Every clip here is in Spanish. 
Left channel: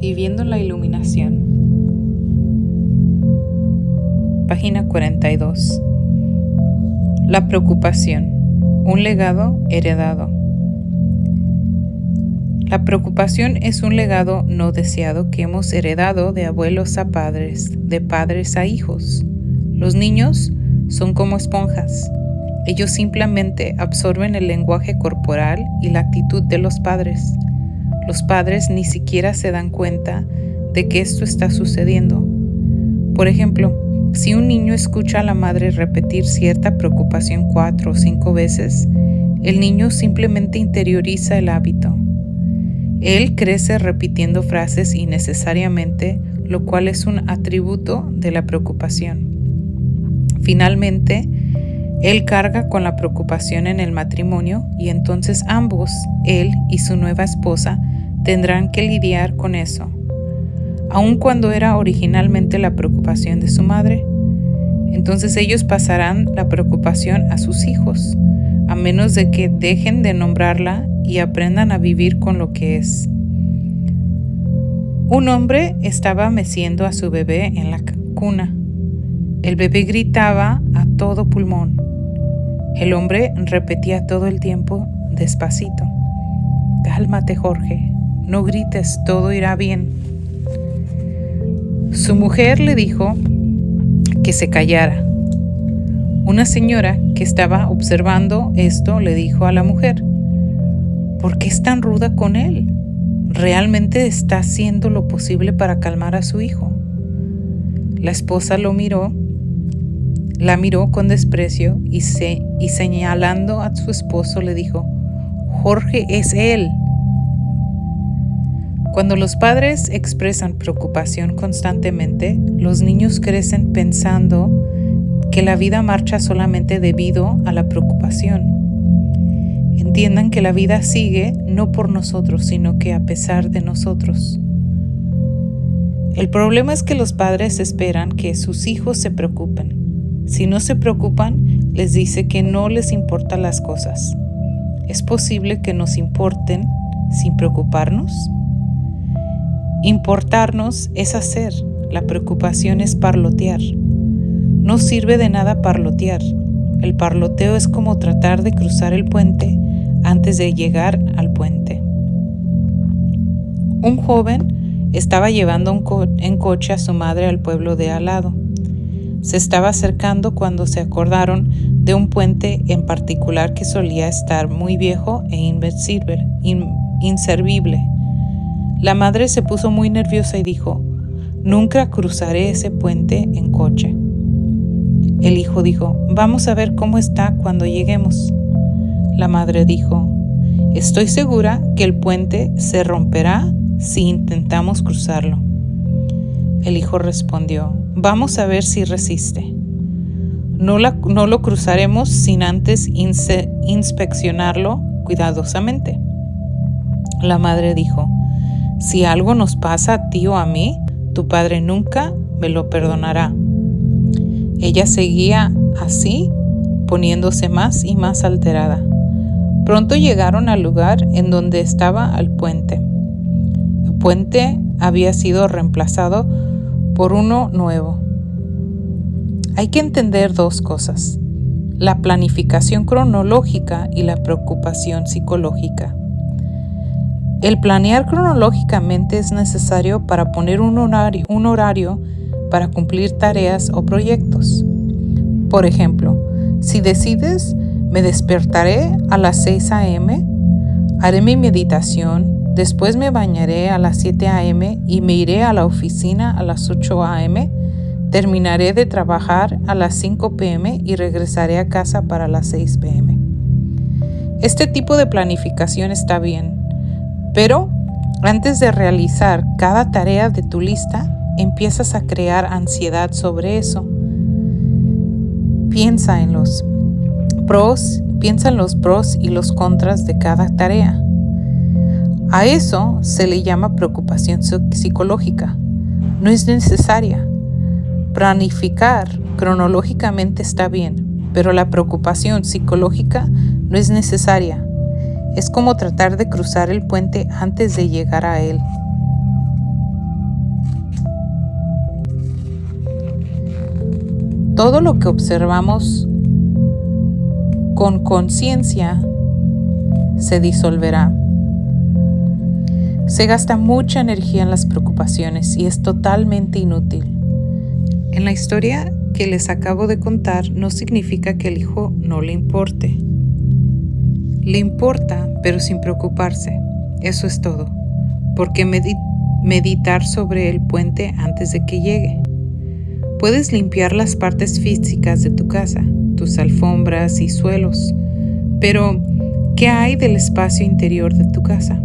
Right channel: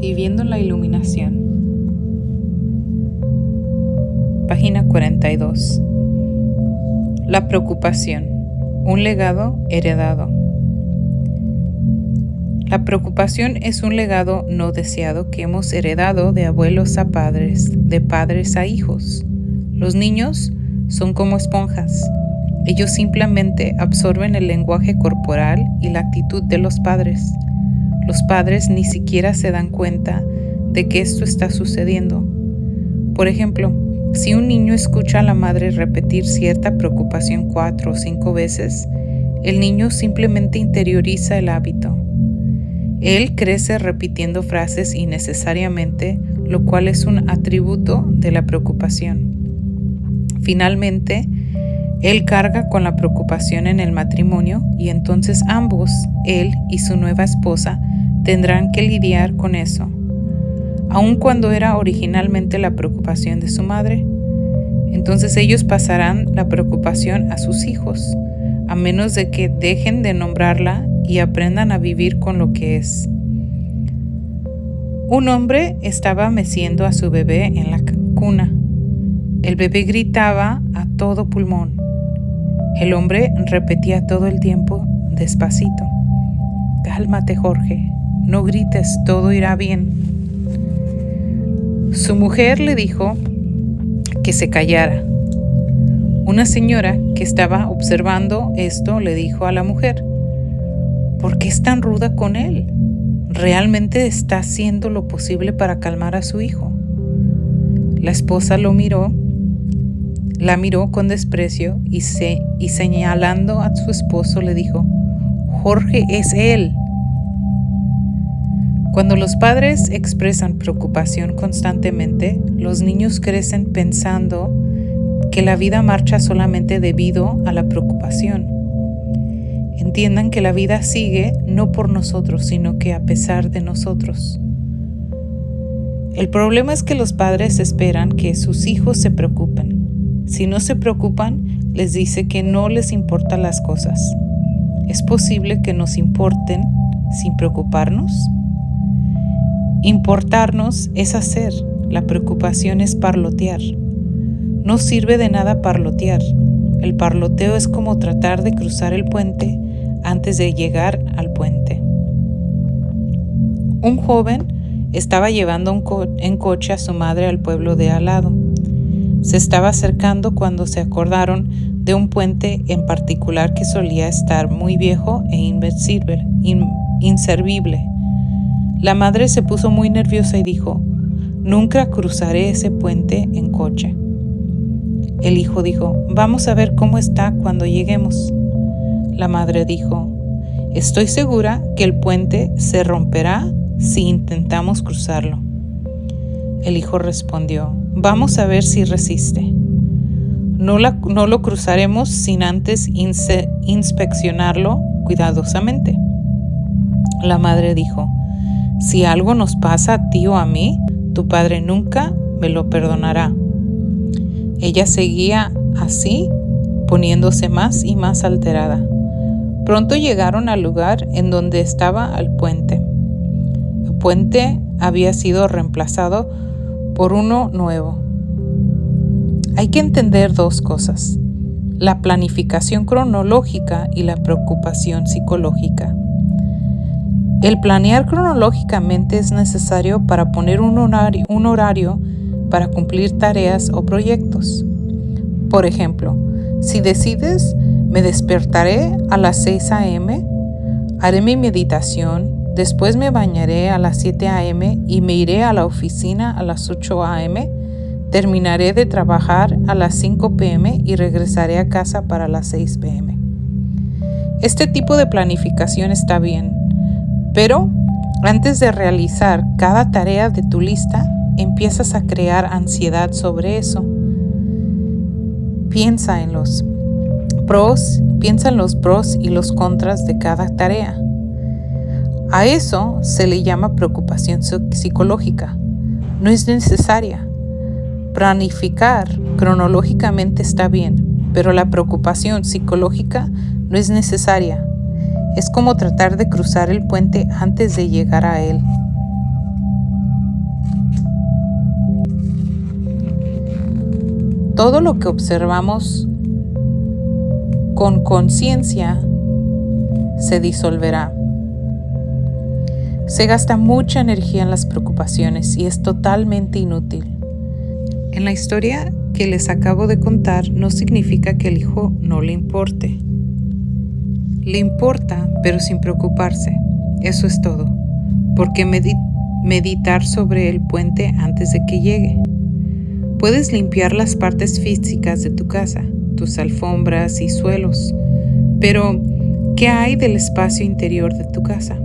Viviendo la iluminación. Página 42. La preocupación. Un legado heredado. La preocupación es un legado no deseado que hemos heredado de abuelos a padres, de padres a hijos. Los niños son como esponjas. Ellos simplemente absorben el lenguaje corporal y la actitud de los padres. Los padres ni siquiera se dan cuenta de que esto está sucediendo. Por ejemplo, si un niño escucha a la madre repetir cierta preocupación 4 o 5 veces, el niño simplemente interioriza el hábito. Él crece repitiendo frases innecesariamente, lo cual es un atributo de la preocupación. Finalmente, él carga con la preocupación en el matrimonio y entonces ambos, él y su nueva esposa, tendrán que lidiar con eso, aun cuando era originalmente la preocupación de su madre. Entonces ellos pasarán la preocupación a sus hijos, a menos de que dejen de nombrarla y aprendan a vivir con lo que es. Un hombre estaba meciendo a su bebé en la cuna. El bebé gritaba a todo pulmón. El hombre repetía todo el tiempo despacito: «Cálmate, Jorge, no grites, todo irá bien». Su mujer le dijo que se callara. Una señora que estaba observando esto le dijo a la mujer: «¿Por qué es tan ruda con él? ¿Realmente está haciendo lo posible para calmar a su hijo?». La esposa la miró con desprecio y señalando a su esposo le dijo: «Jorge es él». Cuando los padres expresan preocupación constantemente, los niños crecen pensando que la vida marcha solamente debido a la preocupación. Entiendan que la vida sigue no por nosotros, sino que a pesar de nosotros. El problema es que los padres esperan que sus hijos se preocupen. Si no se preocupan, les dice que no les importan las cosas. ¿Es posible que nos importen sin preocuparnos? Importarnos es hacer, la preocupación es parlotear. No sirve de nada parlotear. El parloteo es como tratar de cruzar el puente antes de llegar al puente. Un joven estaba llevando en coche a su madre al pueblo de al lado. Se estaba acercando cuando se acordaron de un puente en particular que solía estar muy viejo e inservible. La madre se puso muy nerviosa y dijo: «Nunca cruzaré ese puente en coche». El hijo dijo: «Vamos a ver cómo está cuando lleguemos». La madre dijo: «Estoy segura que el puente se romperá si intentamos cruzarlo». El hijo respondió: «Vamos a ver si resiste. No lo cruzaremos sin antes inspeccionarlo cuidadosamente». La madre dijo: «Si algo nos pasa a ti o a mí, tu padre nunca me lo perdonará». Ella seguía así, poniéndose más y más alterada. Pronto llegaron al lugar en donde estaba el puente. El puente había sido reemplazado por uno nuevo. Hay que entender dos cosas: la planificación cronológica y la preocupación psicológica. El planear cronológicamente es necesario para poner un horario para cumplir tareas o proyectos. Por ejemplo, si decides: me despertaré a las 6 a.m., haré mi meditación, después me bañaré a las 7 a.m. y me iré a la oficina a las 8 a.m., terminaré de trabajar a las 5 p.m. y regresaré a casa para las 6 p.m. Este tipo de planificación está bien, pero antes de realizar cada tarea de tu lista, empiezas a crear ansiedad sobre eso. Piensa en los pros y los contras de cada tarea. A eso se le llama preocupación psicológica. No es necesaria. Planificar cronológicamente está bien, pero la preocupación psicológica no es necesaria. Es como tratar de cruzar el puente antes de llegar a él. Todo lo que observamos con conciencia se disolverá. Se gasta mucha energía en las preocupaciones y es totalmente inútil. En la historia que les acabo de contar no significa que el hijo no le importe. Le importa, pero sin preocuparse. Eso es todo. ¿Por qué meditar sobre el puente antes de que llegue? Puedes limpiar las partes físicas de tu casa, tus alfombras y suelos, pero ¿qué hay del espacio interior de tu casa?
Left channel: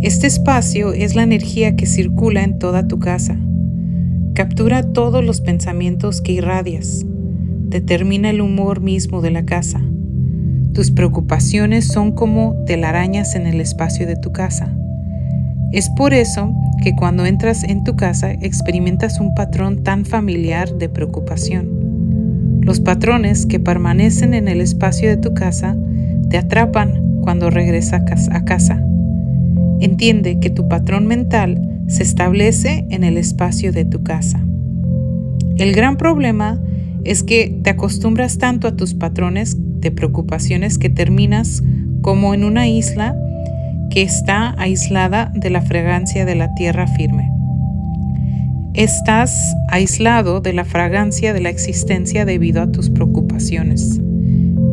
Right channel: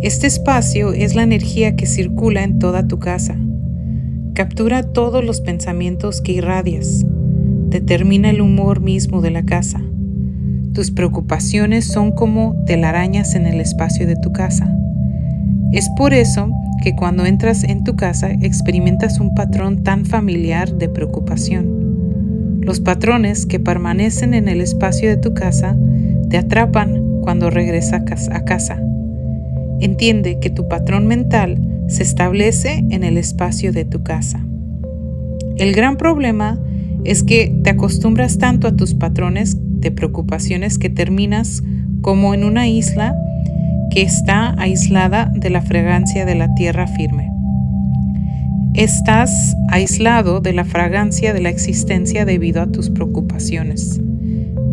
Este espacio es la energía que circula en toda tu casa. Captura todos los pensamientos que irradias. Determina el humor mismo de la casa. Tus preocupaciones son como telarañas en el espacio de tu casa. Es por eso que cuando entras en tu casa experimentas un patrón tan familiar de preocupación. Los patrones que permanecen en el espacio de tu casa te atrapan cuando regresas a casa. Entiende que tu patrón mental se establece en el espacio de tu casa. El gran problema es que te acostumbras tanto a tus patrones de preocupaciones que terminas como en una isla que está aislada de la fragancia de la tierra firme. Estás aislado de la fragancia de la existencia debido a tus preocupaciones.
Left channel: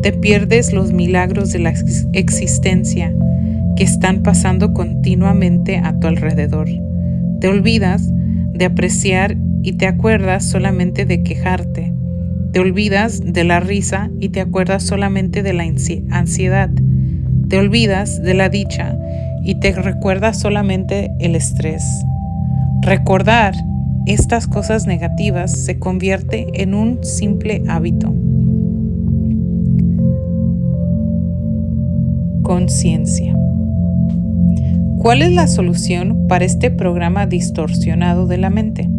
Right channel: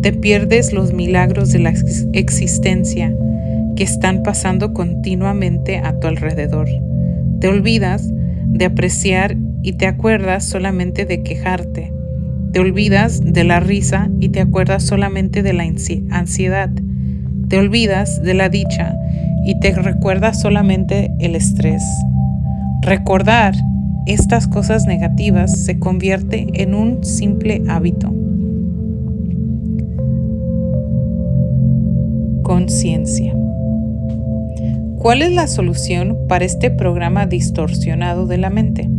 Te pierdes los milagros de la existencia que están pasando continuamente a tu alrededor. Te olvidas de apreciar y te acuerdas solamente de quejarte. Te olvidas de la risa y te acuerdas solamente de la ansiedad. Te olvidas de la dicha y te recuerdas solamente el estrés. Recordar estas cosas negativas se convierte en un simple hábito. Conciencia. ¿Cuál es la solución para este programa distorsionado de la mente?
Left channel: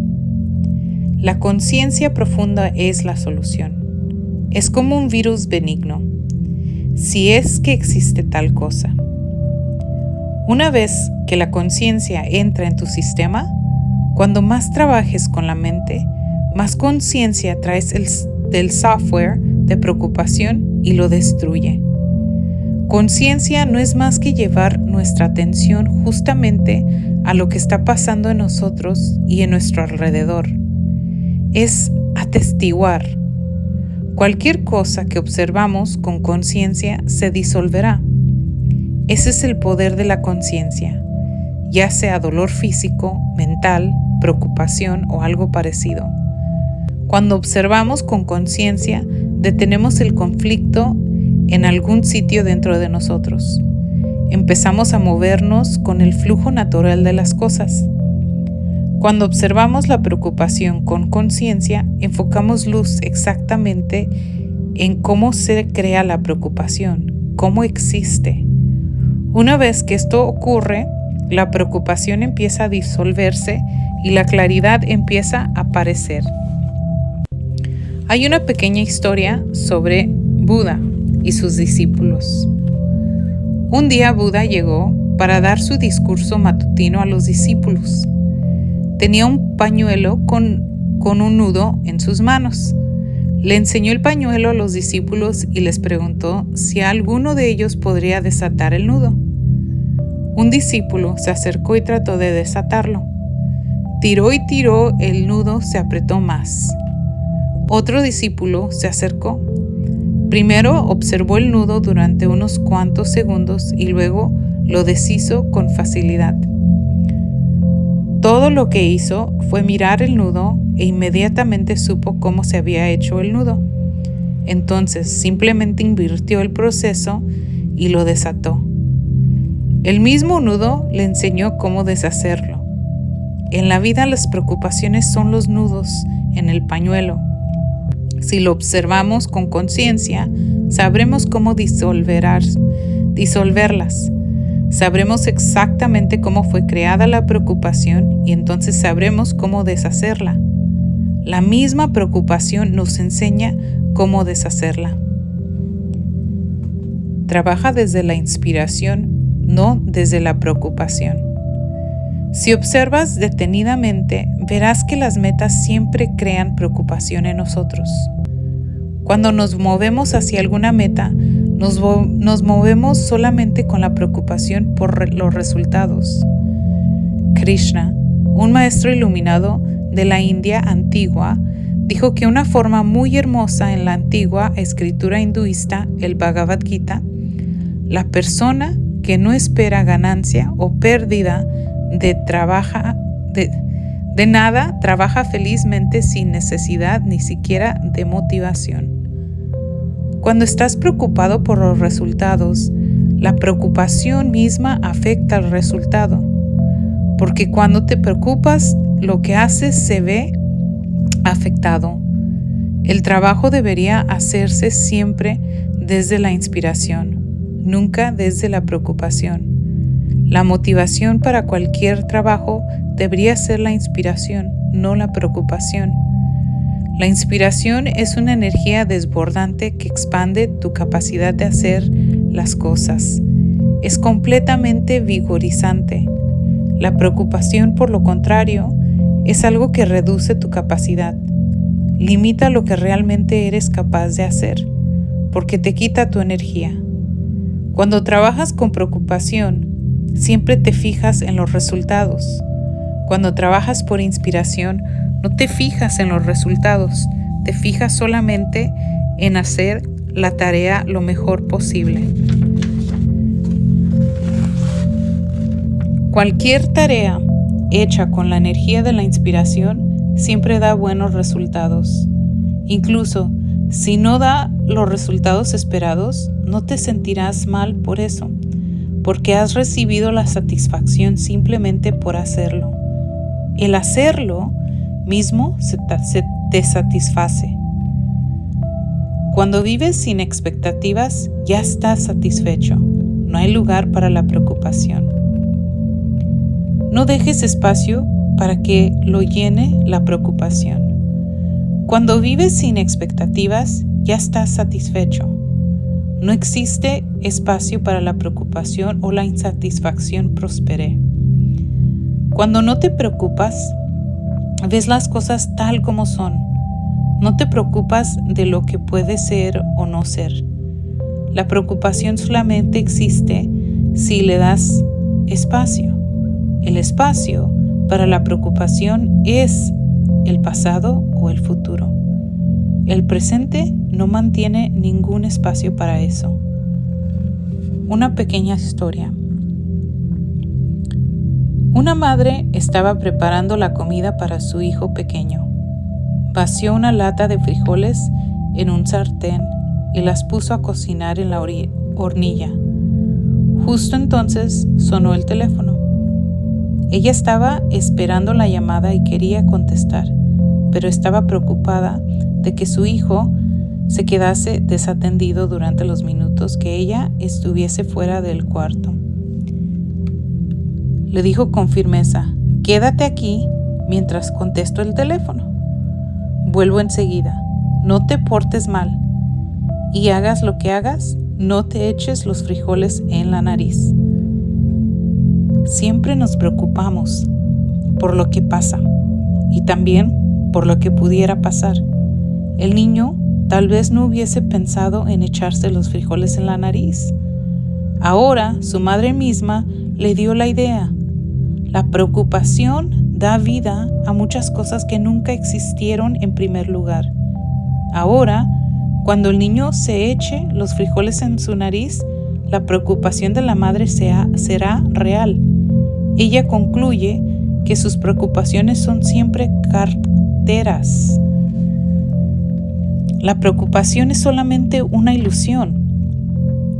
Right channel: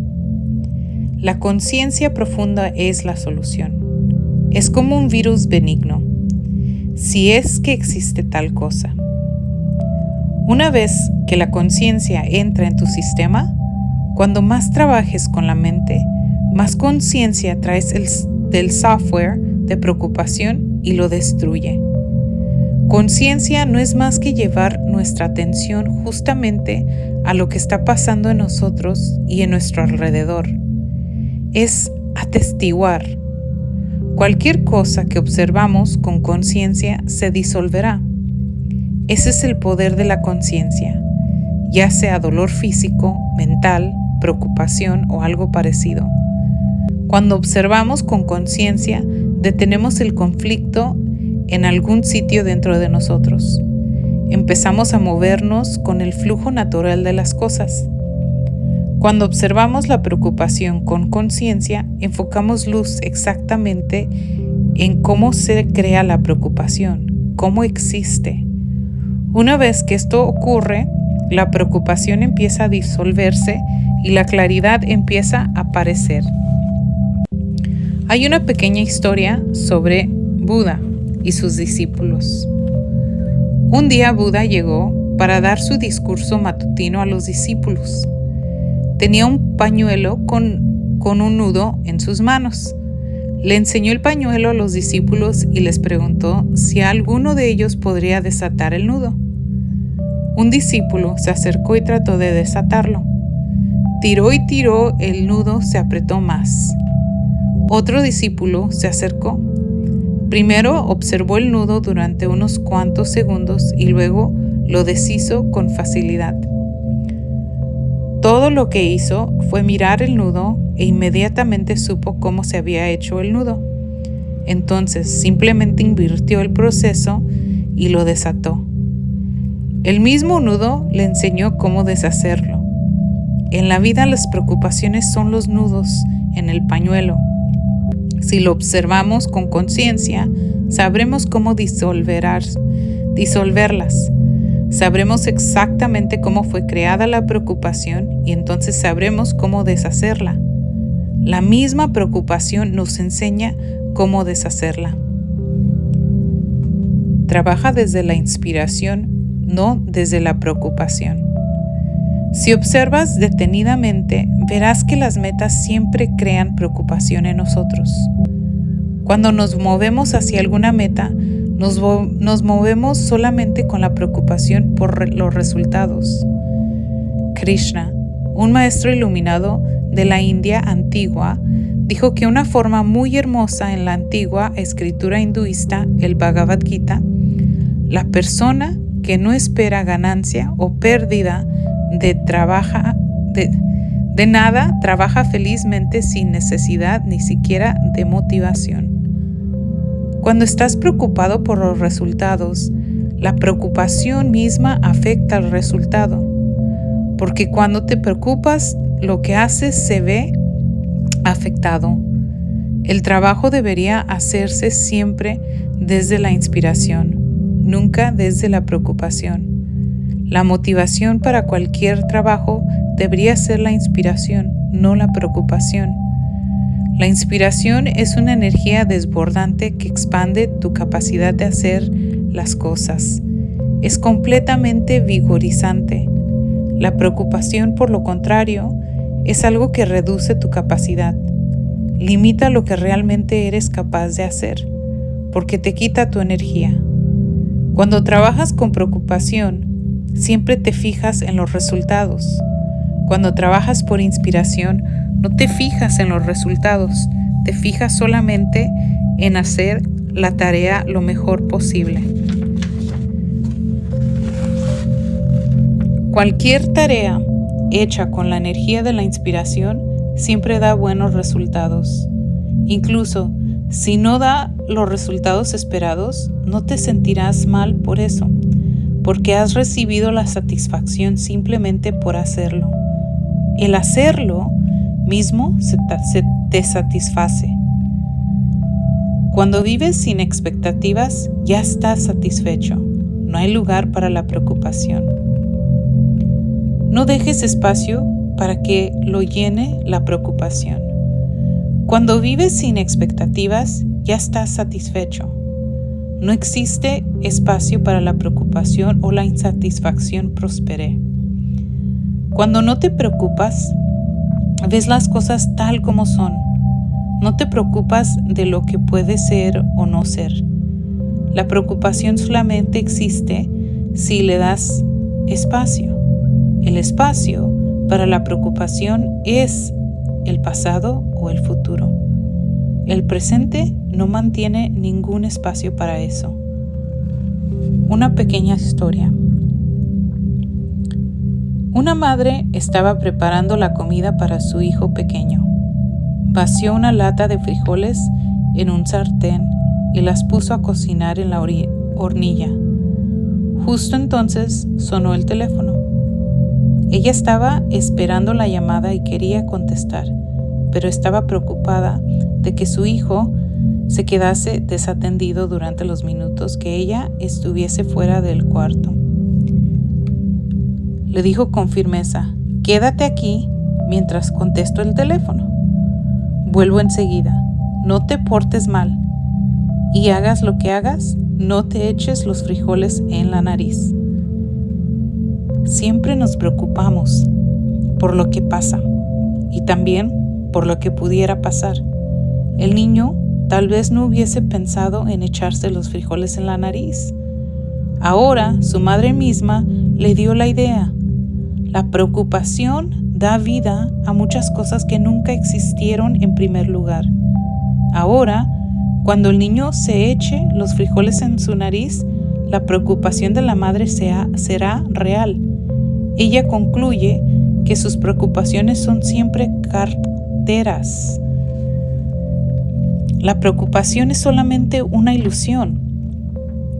La conciencia profunda es la solución. Es como un virus benigno, si es que existe tal cosa. Una vez que la conciencia entra en tu sistema, cuando más trabajes con la mente, más conciencia traes del software de preocupación y lo destruye. Conciencia no es más que llevar nuestra atención justamente a lo que está pasando en nosotros y en nuestro alrededor. Es atestiguar. Cualquier cosa que observamos con conciencia se disolverá. Ese es el poder de la conciencia, ya sea dolor físico, mental, preocupación o algo parecido. Cuando observamos con conciencia, detenemos el conflicto en algún sitio dentro de nosotros. Empezamos a movernos con el flujo natural de las cosas. Cuando observamos la preocupación con conciencia, enfocamos luz exactamente en cómo se crea la preocupación, cómo existe. Una vez que esto ocurre, la preocupación empieza a disolverse y la claridad empieza a aparecer. Hay una pequeña historia sobre Buda y sus discípulos. Un día Buda llegó para dar su discurso matutino a los discípulos. Tenía un pañuelo con un nudo en sus manos. Le enseñó el pañuelo a los discípulos y les preguntó si alguno de ellos podría desatar el nudo. Un discípulo se acercó y trató de desatarlo. Tiró y tiró, el nudo se apretó más. Otro discípulo se acercó. Primero observó el nudo durante unos cuantos segundos y luego lo deshizo con facilidad. Todo lo que hizo fue mirar el nudo e inmediatamente supo cómo se había hecho el nudo. Entonces simplemente invirtió el proceso y lo desató. El mismo nudo le enseñó cómo deshacerlo. En la vida las preocupaciones son los nudos en el pañuelo. Si lo observamos con conciencia, sabremos cómo disolverlas. Sabremos exactamente cómo fue creada la preocupación y entonces sabremos cómo deshacerla. La misma preocupación nos enseña cómo deshacerla. Trabaja desde la inspiración, no desde la preocupación. Si observas detenidamente, verás que las metas siempre crean preocupación en nosotros. Cuando nos movemos hacia alguna meta, nos movemos solamente con la preocupación por los resultados. Krishna, un maestro iluminado de la India antigua, dijo que una forma muy hermosa en la antigua escritura hinduista, el Bhagavad Gita, la persona que no espera ganancia o pérdida de nada, trabaja felizmente sin necesidad ni siquiera de motivación. Cuando estás preocupado por los resultados, la preocupación misma afecta al resultado, porque cuando te preocupas, lo que haces se ve afectado. El trabajo debería hacerse siempre desde la inspiración, nunca desde la preocupación. La motivación para cualquier trabajo debería ser la inspiración, no la preocupación. La inspiración es una energía desbordante que expande tu capacidad de hacer las cosas. Es completamente vigorizante. La preocupación, por lo contrario, es algo que reduce tu capacidad. Limita lo que realmente eres capaz de hacer, porque te quita tu energía. Cuando trabajas con preocupación, siempre te fijas en los resultados. Cuando trabajas por inspiración, no te fijas en los resultados, te fijas solamente en hacer la tarea lo mejor posible. Cualquier tarea hecha con la energía de la inspiración siempre da buenos resultados. Incluso si no da los resultados esperados, no te sentirás mal por eso, porque has recibido la satisfacción simplemente por hacerlo. El hacerlo mismo te satisface. Cuando vives sin expectativas, ya estás satisfecho. No hay lugar para la preocupación. No dejes espacio para que lo llene la preocupación. Cuando vives sin expectativas, ya estás satisfecho. No existe espacio para la preocupación o la insatisfacción prospere. Cuando no te preocupas, ves las cosas tal como son. No te preocupas de lo que puede ser o no ser. La preocupación solamente existe si le das espacio. El espacio para la preocupación es el pasado o el futuro. El presente no mantiene ningún espacio para eso. Una pequeña historia. Una madre estaba preparando la comida para su hijo pequeño. Vació una lata de frijoles en un sartén y las puso a cocinar en la hornilla. Justo entonces sonó el teléfono. Ella estaba esperando la llamada y quería contestar, pero estaba preocupada de que su hijo se quedase desatendido durante los minutos que ella estuviese fuera del cuarto. Le dijo con firmeza: «Quédate aquí mientras contesto el teléfono. Vuelvo enseguida. No te portes mal. Y hagas lo que hagas, no te eches los frijoles en la nariz». Siempre nos preocupamos por lo que pasa y también por lo que pudiera pasar. El niño tal vez no hubiese pensado en echarse los frijoles en la nariz. Ahora su madre misma le dio la idea. La preocupación da vida a muchas cosas que nunca existieron en primer lugar. Ahora, cuando el niño se eche los frijoles en su nariz, la preocupación de la madre será real. Ella concluye que sus preocupaciones son siempre certeras. La preocupación es solamente una ilusión.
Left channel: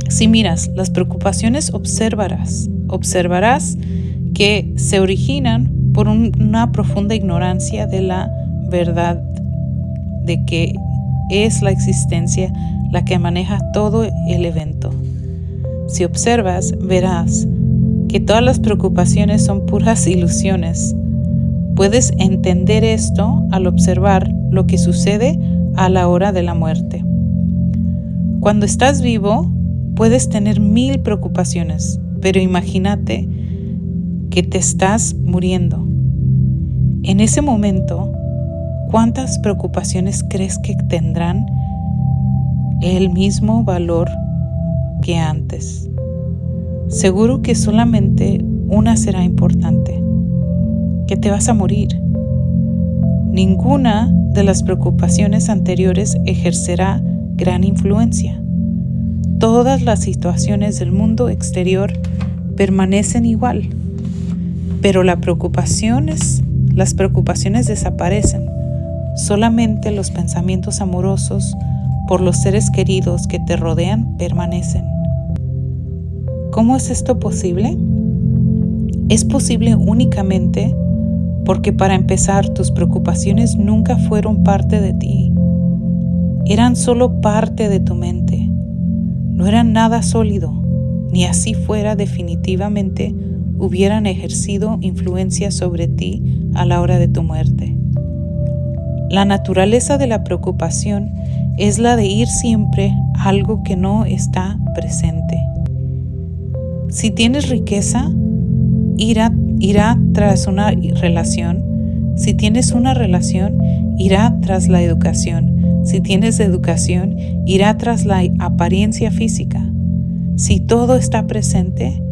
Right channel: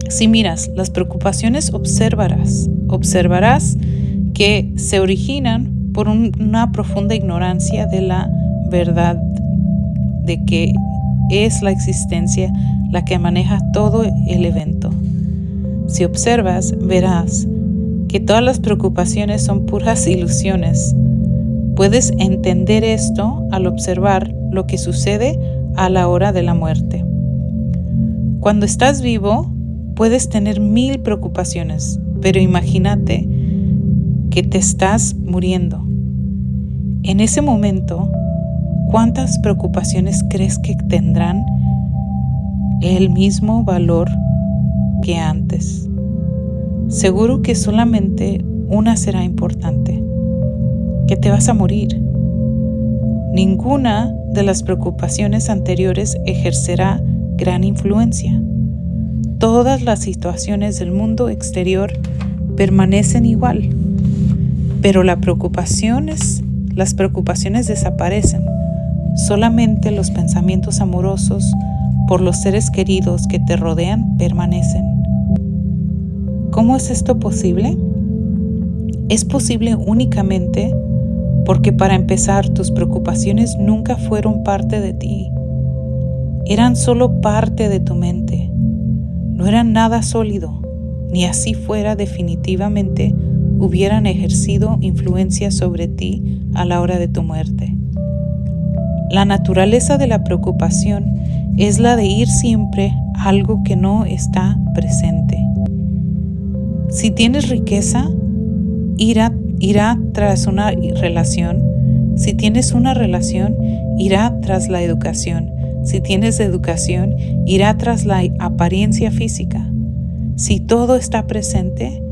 Si miras las preocupaciones, observarás que se originan por una profunda ignorancia de la verdad de que es la existencia la que maneja todo el evento. Si observas, verás que todas las preocupaciones son puras ilusiones. Puedes entender esto al observar lo que sucede a la hora de la muerte. Cuando estás vivo, puedes tener 1000 preocupaciones, pero imagínate que te estás muriendo. En ese momento, ¿cuántas preocupaciones crees que tendrán el mismo valor que antes? Seguro que solamente una será importante, que te vas a morir. Ninguna de las preocupaciones anteriores ejercerá gran influencia. Todas las situaciones del mundo exterior permanecen igual, pero las preocupaciones desaparecen. Solamente los pensamientos amorosos por los seres queridos que te rodean permanecen. ¿Cómo es esto posible? Es posible únicamente porque, para empezar, tus preocupaciones nunca fueron parte de ti. Eran solo parte de tu mente. No eran nada sólido, ni así fuera definitivamente hubieran ejercido influencia sobre ti a la hora de tu muerte. La naturaleza de la preocupación es la de ir siempre a algo que no está presente. Si tienes riqueza, irá tras una relación. Si tienes una relación, irá tras la educación. Si tienes educación, irá tras la apariencia física. Si todo está presente,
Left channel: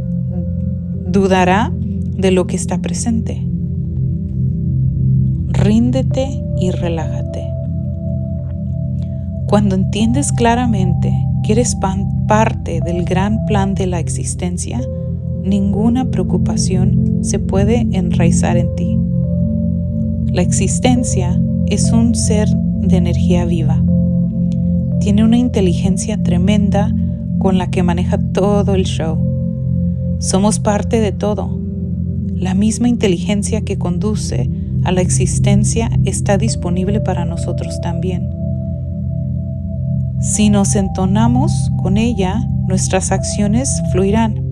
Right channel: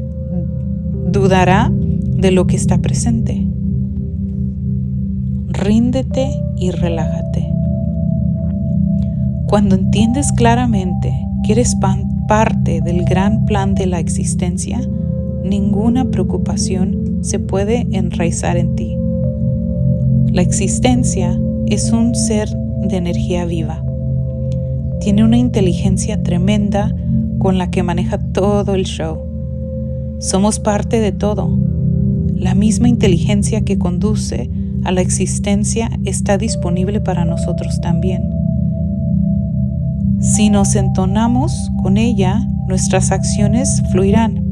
dudará de lo que está presente. Ríndete y relájate. Cuando entiendes claramente que eres parte del gran plan de la existencia, ninguna preocupación se puede enraizar en ti. La existencia es un ser de energía viva. Tiene una inteligencia tremenda con la que maneja todo el show. Somos parte de todo. La misma inteligencia que conduce a la existencia está disponible para nosotros también. Si nos entonamos con ella, nuestras acciones fluirán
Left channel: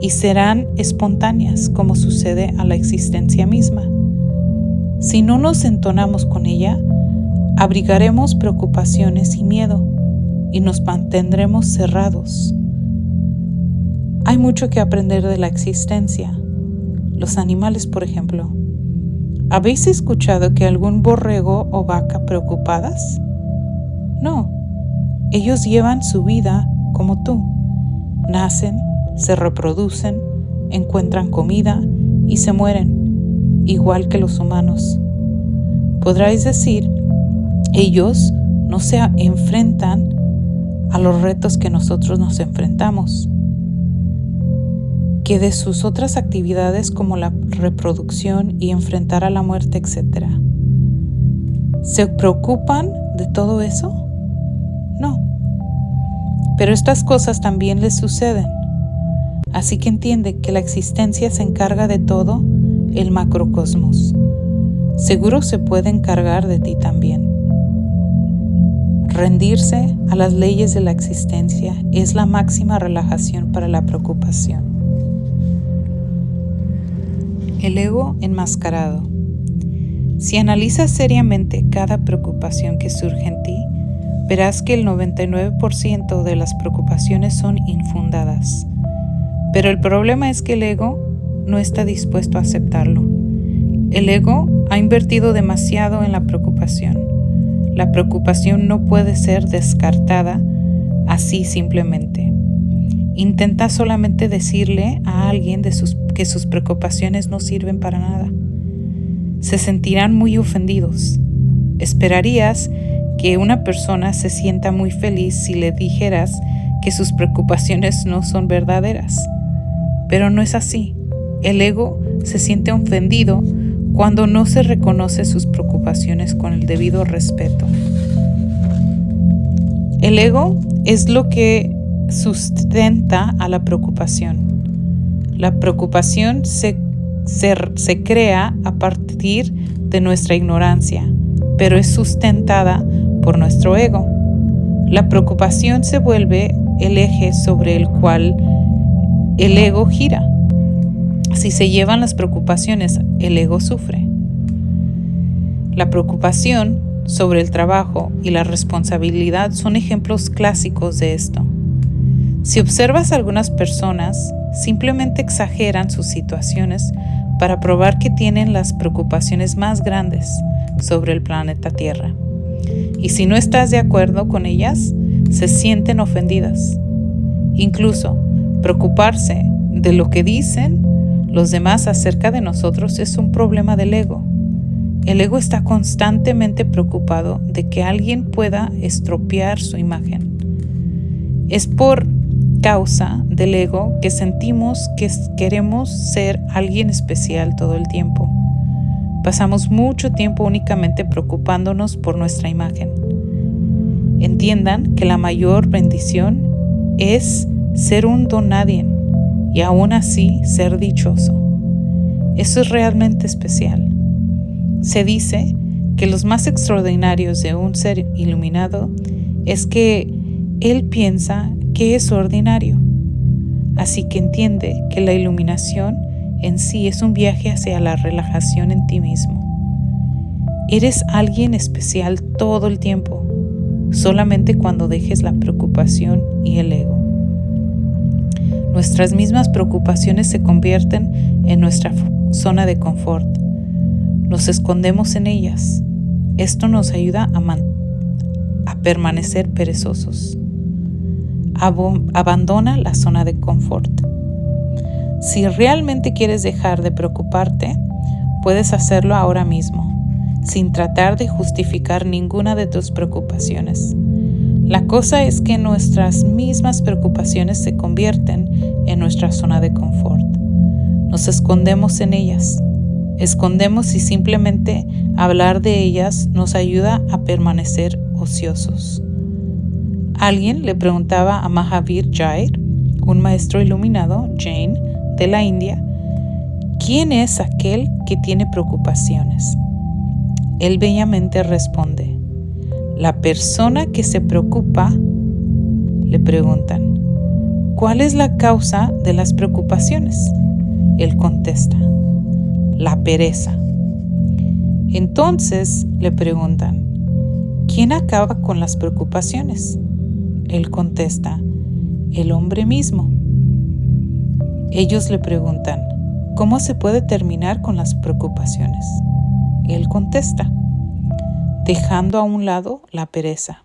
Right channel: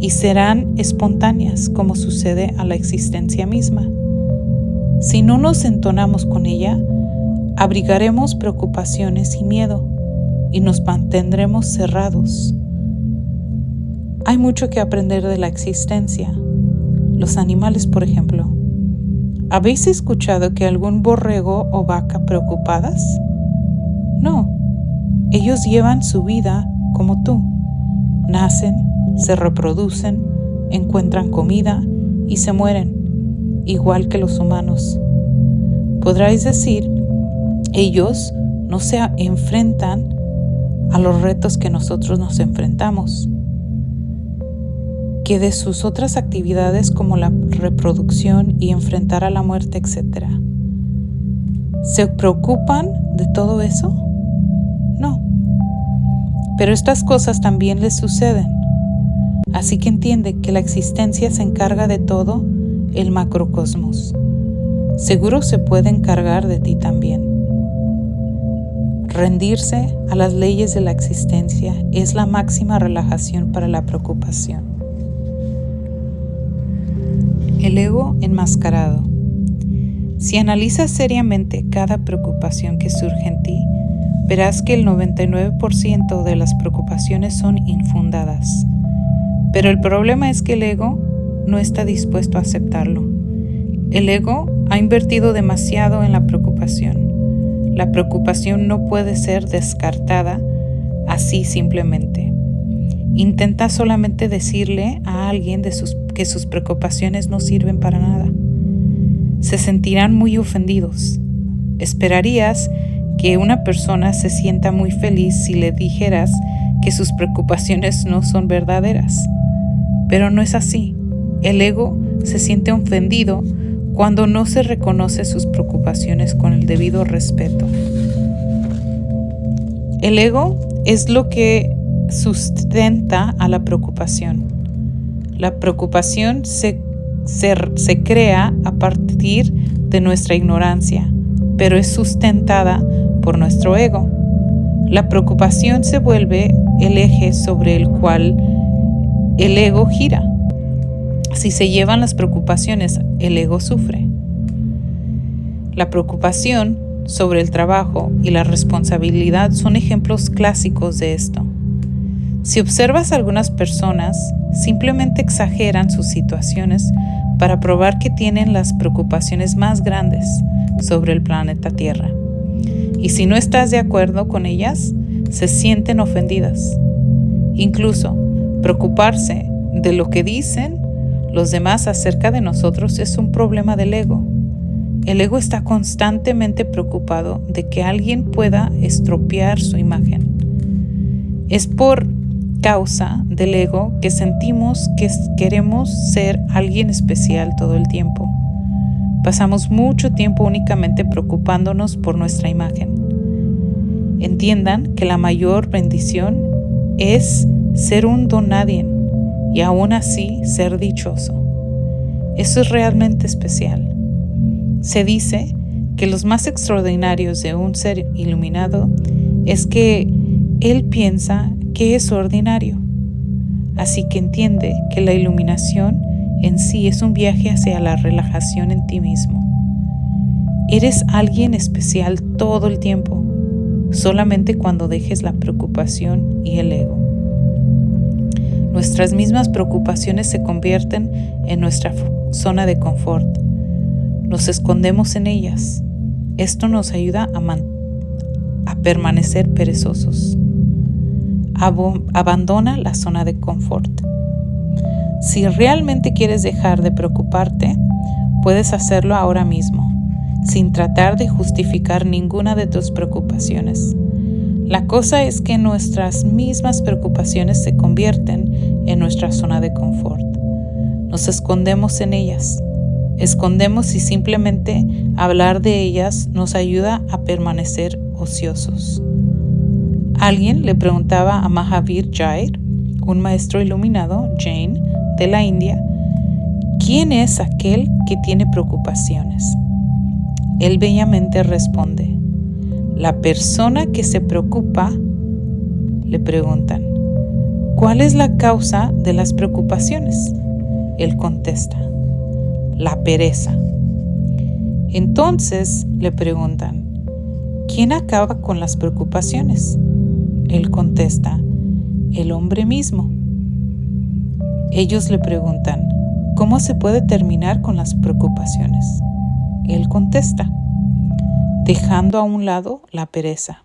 y serán espontáneas, como sucede a la existencia misma. Si no nos entonamos con ella, abrigaremos preocupaciones y miedo y nos mantendremos cerrados. Hay mucho que aprender de la existencia. Los animales, por ejemplo. ¿Habéis escuchado que algún borrego o vaca preocupadas? No. Ellos llevan su vida como tú. Nacen, se reproducen, encuentran comida y se mueren, igual que los humanos. Podráis decir, ellos no se enfrentan a los retos que nosotros nos enfrentamos, que de sus otras actividades como la reproducción y enfrentar a la muerte, etc. ¿Se preocupan de todo eso? No. Pero estas cosas también les suceden. Así que entiende que la existencia se encarga de todo el macrocosmos. Seguro se puede encargar de ti también. Rendirse a las leyes de la existencia es la máxima relajación para la preocupación. El ego enmascarado. Si analizas seriamente cada preocupación que surge en ti, verás que el 99% de las preocupaciones son infundadas. Pero el problema es que el ego no está dispuesto a aceptarlo. El ego ha invertido demasiado en la preocupación. La preocupación no puede ser descartada así simplemente. Intenta solamente decirle a alguien que sus preocupaciones no sirven para nada. Se sentirán muy ofendidos. Esperarías que una persona se sienta muy feliz si le dijeras que sus preocupaciones no son verdaderas. Pero no es así. El ego se siente ofendido cuando no se reconoce sus preocupaciones con el debido respeto. El ego es lo que sustenta a la preocupación. La preocupación se crea a partir de nuestra ignorancia, pero es sustentada por nuestro ego. La preocupación se vuelve el eje sobre el cual el ego gira. Si se llevan las preocupaciones, el ego sufre. La preocupación sobre el trabajo y la responsabilidad son ejemplos clásicos de esto. Si observas a algunas personas, simplemente exageran sus situaciones para probar que tienen las preocupaciones más grandes sobre el planeta Tierra. Y si no estás de acuerdo con ellas, se sienten ofendidas. Incluso, preocuparse de lo que dicen los demás acerca de nosotros es un problema del ego. El ego está constantemente preocupado de que alguien pueda estropear su imagen. Es por causa del ego que sentimos que queremos ser alguien especial todo el tiempo. Pasamos mucho tiempo únicamente preocupándonos por nuestra imagen. Entiendan que la mayor bendición es ser un don nadie y aún así ser dichoso. Eso es realmente especial. Se dice que los más extraordinarios de un ser iluminado es que él piensa que es ordinario. Así que entiende que la iluminación en sí es un viaje hacia la relajación en ti mismo. Eres alguien especial todo el tiempo, solamente cuando dejes la preocupación y el ego. Nuestras mismas preocupaciones se convierten en nuestra zona de confort. Nos escondemos en ellas. Esto nos ayuda a permanecer perezosos. Abandona la zona de confort. Si realmente quieres dejar de preocuparte, puedes hacerlo ahora mismo, sin tratar de justificar ninguna de tus preocupaciones. La cosa es que nuestras mismas preocupaciones se convierten en nuestra zona de confort. Nos escondemos en ellas. Escondemos y simplemente hablar de ellas nos ayuda a permanecer ociosos. Alguien le preguntaba a Mahavir Jain, un maestro iluminado, Jain, de la India, ¿quién es aquel que tiene preocupaciones? Él bellamente responde, la persona que se preocupa. Le preguntan, ¿cuál es la causa de las preocupaciones? Él contesta, la pereza. Entonces le preguntan, ¿quién acaba con las preocupaciones? Él contesta, el hombre mismo. Ellos le preguntan, ¿cómo se puede terminar con las preocupaciones? Él contesta, dejando a un lado la pereza.